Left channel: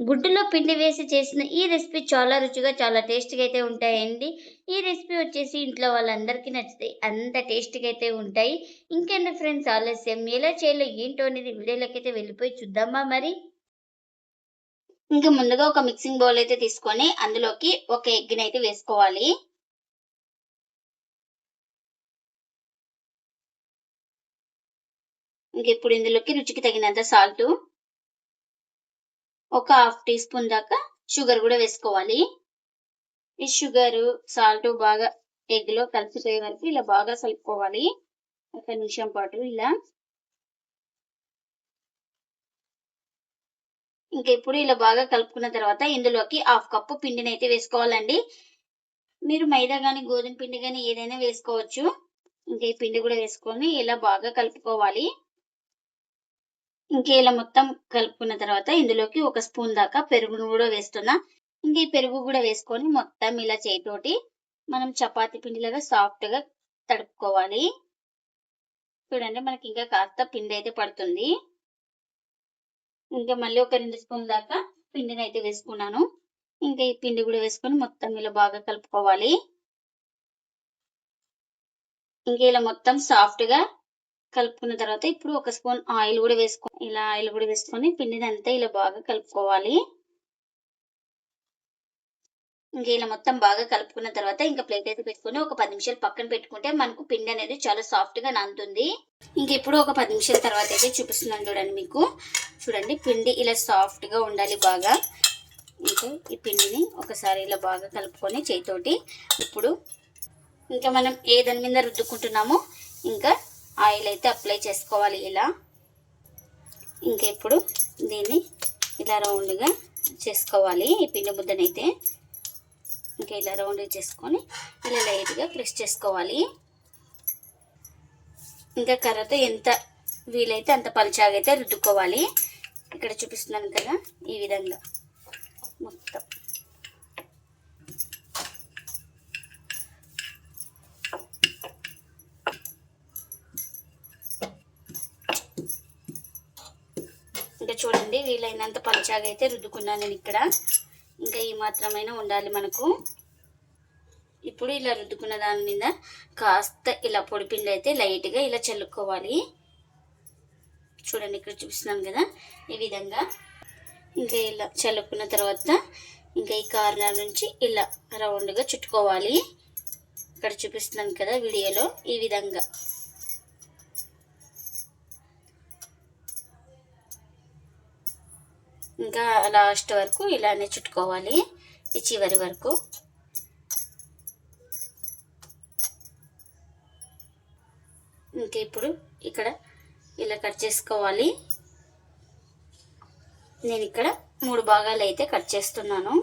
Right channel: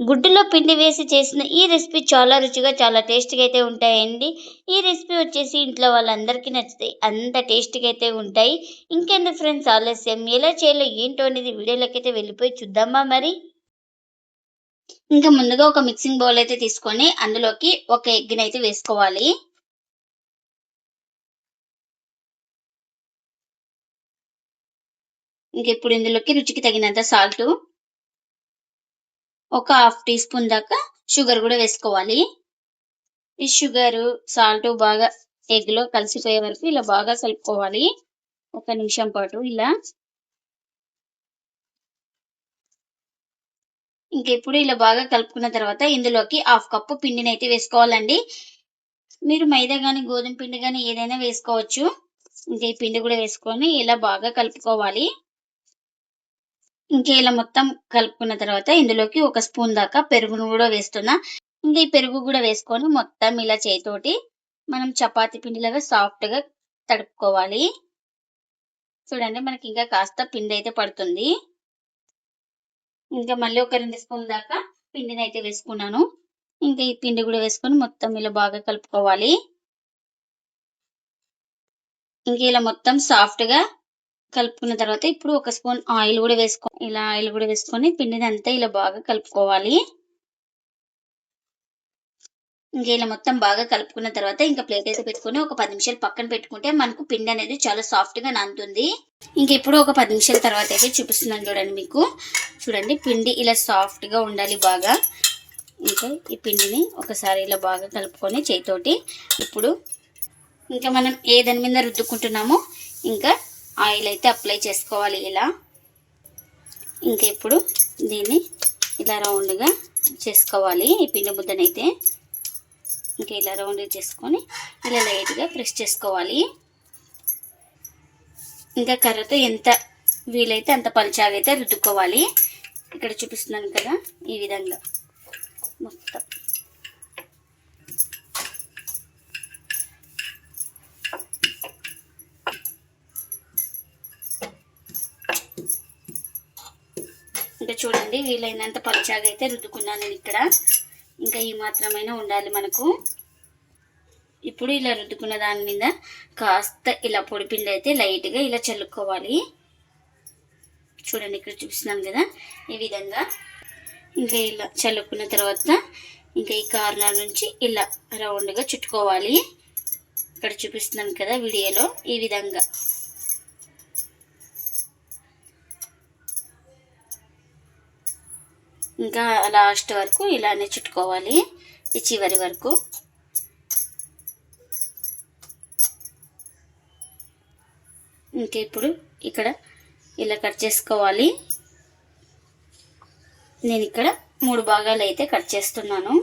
గుడ్డులో పిండి వేసి చేసిన ఈ రెసిపీ చాలా రుచిగా, చాలా టేస్టీగా అయితే ఉంటాయండి. ఈ రెసిపీ వచ్చేసి ఇంట్లో వాళ్ళందరికీ నచ్చుతాయి. అంత టేస్టీగా అయితే ఉంటాయి. ఇంకెందుకు ఫ్రెండ్స్ ఆలస్యం, ఎలా చేయాలో ఏంటో అనేది వీడియోలోకైతే వెళ్ళిపోయి చూద్దామా మరి? ఇంకా ముందుగా ఒక మిక్సింగ్ బౌల్ అయితే తీసుకొని అందులోకి ఒక ఎగ్‌ని అయితే వేసుకోవాలి. ఇప్పుడు ఇందులోకి రుచికి తగినంత సాల్టు, ఒక హాఫ్ టీ స్పూన్ దాకా షుగర్ కూడా వేసుకోవాలి. ఈ షుగరు, సాల్టు బాగా ఎగ్‌లో కలిసిపోయే వరకు ఇలా బాగా కలుపుకోవాలి. ఒక నిమిషం పాటు ఇలా. ఇప్పుడు ఇలా బాగా కలుపుకున్న తర్వాత ఇందులోకి హాఫ్ కప్పు పిండినైతే వేసుకోవాలండి. మీరు మైదా గాని, గోధుమ పిండి గాని ఏదైనా వేసుకోవచ్చు. ఈ పిండి కూడా వేసుకొని ఇలా బాగా కలుపుకోవాలి. ఇలా మొత్తం కలుపుకున్న తర్వాత ఇందులోకి ఒక స్పూన్ దాకా పెరుగును కూడా వేస్తున్నా. ఈ పెరుగు కూడా వేసుకొని మొత్తం ఇలా చేయితోటి మనం చపాతీ పిండిలాగా సాఫ్ట్‌గా తడుపుకోవాలి. చూడండి మనకి ఇంకా కాస్త పిండి అయితే పడుతుంది. మళ్ళీ ఒక 2 స్పూన్ల దాకా పిండినైతే వేసుకున్నాను. ఈ పిండి కూడా వేసుకొని మొత్తం ఇలా బాగా కలుపుకోవాలి. ఇలా మొత్తం సాఫ్ట్‌గా కలుపుకున్న తర్వాత ఇప్పుడు ఒక స్పూన్ ఆయిల్ కూడా వేసుకొని పిండినంతా ఇలా బాగా కలుపుకోవాలి. ఇలా మొత్తం బాగా కలుపుకున్న తర్వాత ప్లేట్ అయితే పెట్టుకొని ఒక 10 నిమిషాలు పక్కన పెట్టుకుంటే మనకు పిండి అనేది చాలా సాఫ్ట్‌గా నానుతుంది. ఇప్పుడు ఒక 10 నిమిషాల తర్వాత అయితే చూపిస్తున్నాను చూడండి మీకు. చూడండి పిండి ఇలా సాఫ్ట్‌గా ఉండాలి బాగా. ఈ పిండిని ఒకసారి ఇలా బాగా కలుపుకొని చేయితోటి ఇప్పుడు మనం ఏ దాని మీద రుద్దుకుంటున్నామో ఆయిల్ అయితే అప్లై చేసుకోవాలి ఇలా. ఇప్పుడు దీన్ని ఇలా రౌండ్‌గా చేసుకోవాలి. ఈ పిండి ముద్దనైతే ఇలా రౌండ్‌గా చేసుకొని ఇలా లైట్‌గా ప్రెస్ చేసుకోవాలి. కర్రతో ఎంత వీలైతే అంత పలుచగా అయితే రుద్దుకోవాలి. ఇక్కడ చూపిస్తున్నాను కదా ఈ విధంగా మొత్తం. చూడండి వీలైనంత పలుచగా అయితే రుద్దుకున్నాను నేను ఇక్కడ. ఈ మాత్రమైనా ఉండాలి మనకు. ఇప్పుడు ఇలా రుద్దుకున్న దాని మీద కాస్త ఇలా పొడి పిండి అయితే లైట్‌గా ఇలా చల్లుకోవాలి. చూడండి ఇక్కడ చూపిస్తున్నాను కదా ఈ విధంగా. ఇలా చల్లుకున్న తర్వాత ఈ కార్నర్ నుంచి ఇలా రౌండ్‌గా చుట్టుకోవాలి. ఇక్కడ చూపిస్తున్నాను కదా వీడియోలో ఈ విధంగా. లాస్ట్ వరకు ఇలానే చుట్టుకోవాలి, ఈ చివరి వరకు. ఇప్పుడు ఇక్కడ ఇలా కట్ చేసుకోవాలి. నేను ఇక్కడ 3 భాగాలు అయితే కట్ చేస్తున్నాను.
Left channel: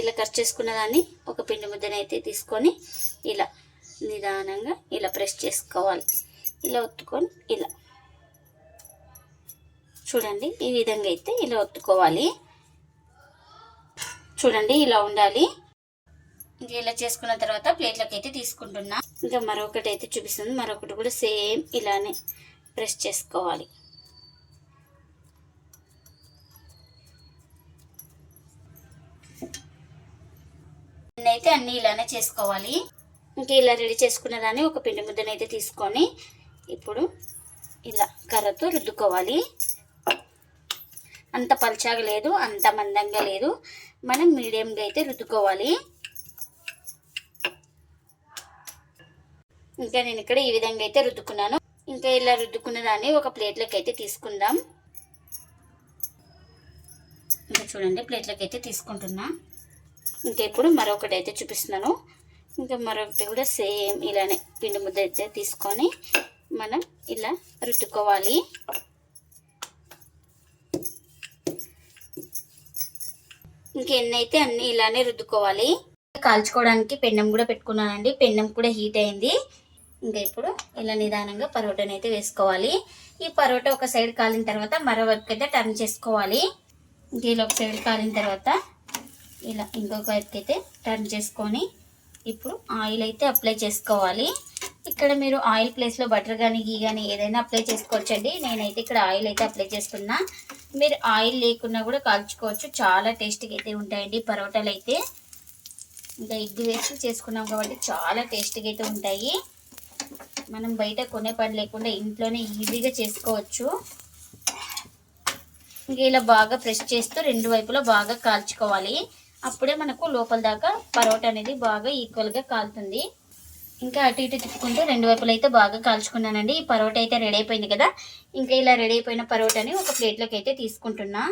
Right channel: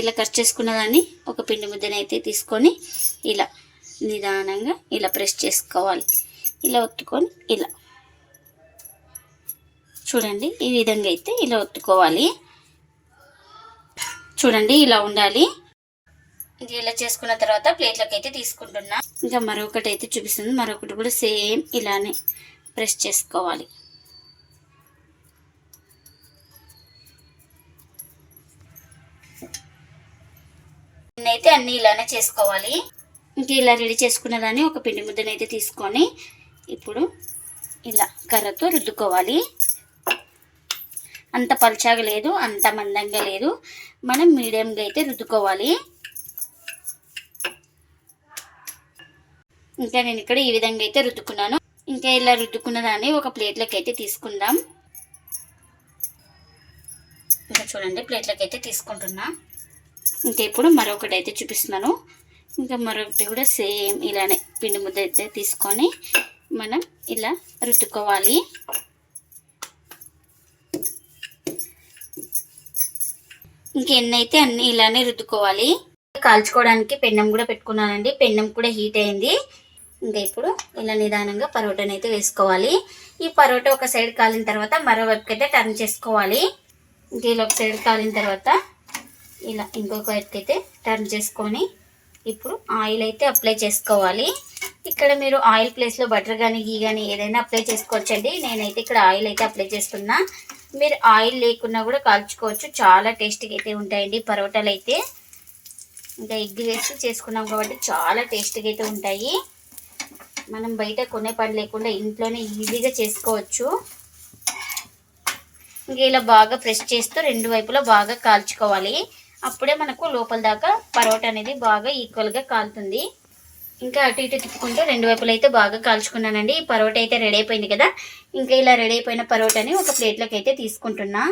ఇలా కట్ చేసుకున్న దాన్ని ఒక పిండి ముద్దనైతే తీసుకొని ఇలా నిదానంగా ఇలా ప్రెస్ చేసుకోవాలి. ఇలా ఒత్తుకొని ఇలా చూడండి ఈ విధంగా అయితే ఇలా ఒత్తుకోవాలి. చూడండి ఇలా ఉండాలి. ఇలా చేసుకున్న తర్వాత ప్లేట్లోకి అయితే తీసుకుంటున్నా. మరొకటి అయితే చూపిస్తుంది. మరొకటి కూడా సేమ్ ఇలానే ప్రెస్ చేసుకోవాలి. అయితే అన్ని ఇలానే చేసుకోవాలి. ఇలా రెడీ చేసుకున్న దాన్ని ఒక పిండి ముద్దనైతే తీసుకొని ఇప్పుడు ఇలా కర్రతో రుద్దుకోవాలి. అంత పలుచగా లేదు, అంత మందంగా లేదు, మనం మీడియంగా అయితే రుద్దుకోవాలి. నేను ఇక్కడ ఈ విధంగా అయితే రుద్దుకున్నాను. ఇలా రుద్దుకున్న దాన్ని ఒక ప్లేట్లోకి అయితే తీసుకుందాం. చూడండి ప్లేట్లోకి అయితే తీసుకుంటున్నా. ఇప్పుడు మరొకటి అయితే చూపిస్తున్నాను. మరొకటి కూడా సేమ్ ఇలానే పిండి ముద్ద అయితే తీసుకొని మనం ఇలా రుద్దుకోవాలి. ఎన్నైతే అన్ని ఇలానే రుద్దుకోవాలి. కాల్చుకోవడానికి పెన్నం కూడా పెట్టుకున్నానండి. పెన్నం కూడా హీట్ అయింది. ఇప్పుడు ఇలా నిదానంగా పరోటాని అయితే వేసుకోవాలి. ఈ పరోటా ఒక సైడ్ కాలిన తర్వాత మరో వైపుకి అయితే టర్న్ చేసుకోవాలి. ఇలా ఒక సైడ్ కాలిన తర్వాత ఇలా ఇంకొక వైపుకి అయితే టర్న్ చేసుకొని ఇప్పుడు ఆయిల్ అయితే అప్లై చేసుకోవాలి. ఇక్కడ మీరు ఆయిల్ ప్లేస్లో బటర్ కానీ గీ కానీ ఏదైనా అప్లై చేసుకోవచ్చండి. నేనైతే ఇక్కడ ఆయిల్ అయితే అప్లై చేస్తున్నా. మీరు ఆయిల్ లేకున్నా కూడా కాల్చుకోవచ్చు. చాలా టేస్టీగా అయితే ఉంటాయండి పరోటాలు అయితే. ఇంకా ఎగ్ వేసి చేసుకున్నాం కాబట్టి చాలా టేస్టీగా అయితే ఉంటాయి. మనం బయట కొనే పని లేకుండా ఇంట్లోనే ఈజీగా చేసుకోవచ్చు. ఇంకా ఇలా బాగా ప్రెస్ చేస్తూ రెండు వైపులా బాగా కాల్చుకోవాలి. అప్పుడే మనకు లోపల దాకా పరోటా అనేది బాగా ఈక్వల్గా కాలుతుంది. ఇంకా అటు ఇటు తిప్పుకుంటూ రెండు వైపులు అయితే బాగా కాల్చుకున్నానండి. ఈ పరోటా అయితే రెడీ అయిపోయింది కదా. ఇంకా ఇలా రెడీ అయిపోయిన పరోటాని ఒక ప్లేట్లోకి అయితే తీసుకుంటున్నా.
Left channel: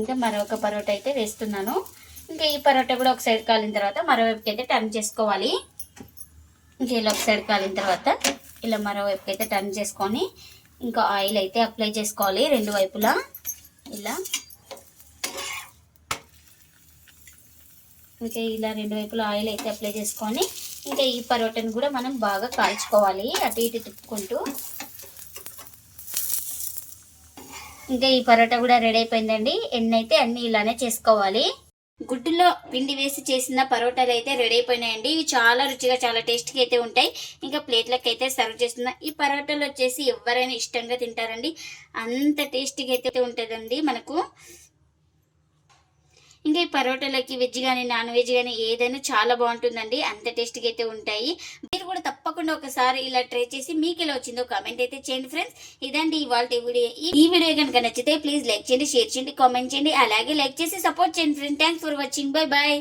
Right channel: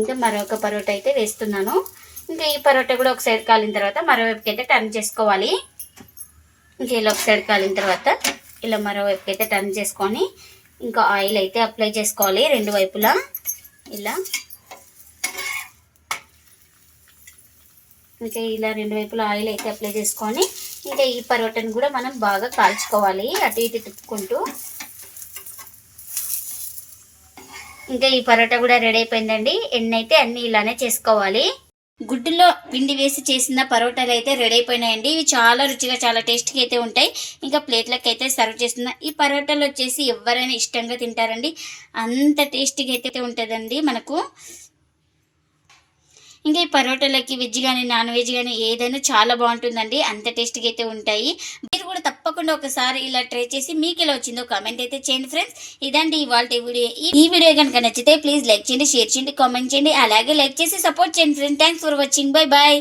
ఇంకా మరొక పరోటా అయితే వేస్తున్నాను. ఇంకా ఈ పరోటా కూడా ఒక సైడ్ కాలిన తర్వాత మరోవైపుకి అయితే టర్న్ చేసుకోవాలి. ఇంకా ఇలా ఒక సైడ్ కాలిన తర్వాత ఇలా మరోవైపుకి అయితే టర్న్ చేసుకొని ఇంకా ఆయిల్ అయితే అప్లై చేసుకోవాలి రెండు వైపులా. ఇలా ఇంకా ఇలా రెండు వైపులా ఆయిల్ అయితే అప్లై చేసుకొని ఇంకా ఈ పరోటాని కూడా మనం బాగా కాల్చుకోవాలి అటు ఇటు తిప్పుకుంటూ. ఇంకా ఈ పరోటా కూడా రెడీ అయిపోయిందండి. ఎన్ని అయితే అన్ని ఇలానే చేసుకోవాలి. గుడ్డులో పిండి వేసి చేసిన పరోటాలు అయితే రెడీ అయిపోయినాయండి. ఇవి చాలా రుచిగా చాలా టేస్టీగా అయితే ఉంటాయి. ఇంకా ప్లేట్లకు అయితే సర్వ్ చేస్తున్నా. ఈ పరోటాలు వచ్చేసి ఎవరైనా ఇష్టంగా తింటారండి. అంత టేస్టీగా అయితే ఉంటుందండి మనకు. ఇంకా ఈ పరోటాలకి వెజ్ కానీ నాన్ వెజ్ కానీ ఏదైనా చాలా బాగుంటుందండి. అంత టేస్టీగా అయితే ఉంటాయి. మీరు కూడా తప్పకుండా ఒకసారి ఇలా ట్రై చేసి మీకు ఎలా వచ్చిందో కామెంట్ అయితే చేయండి ఫ్రెండ్స్. ఇదండి ఇవాళ వీడియో. ఈ వీడియో కనుక నచ్చితే ప్లీజ్ లైక్ చేయండి, షేర్ చేయండి, కామెంట్ చేయండి. అలాగే లైక్ చేసి సపోర్ట్ చేయండి friends. Thanks for watching. Bye bye.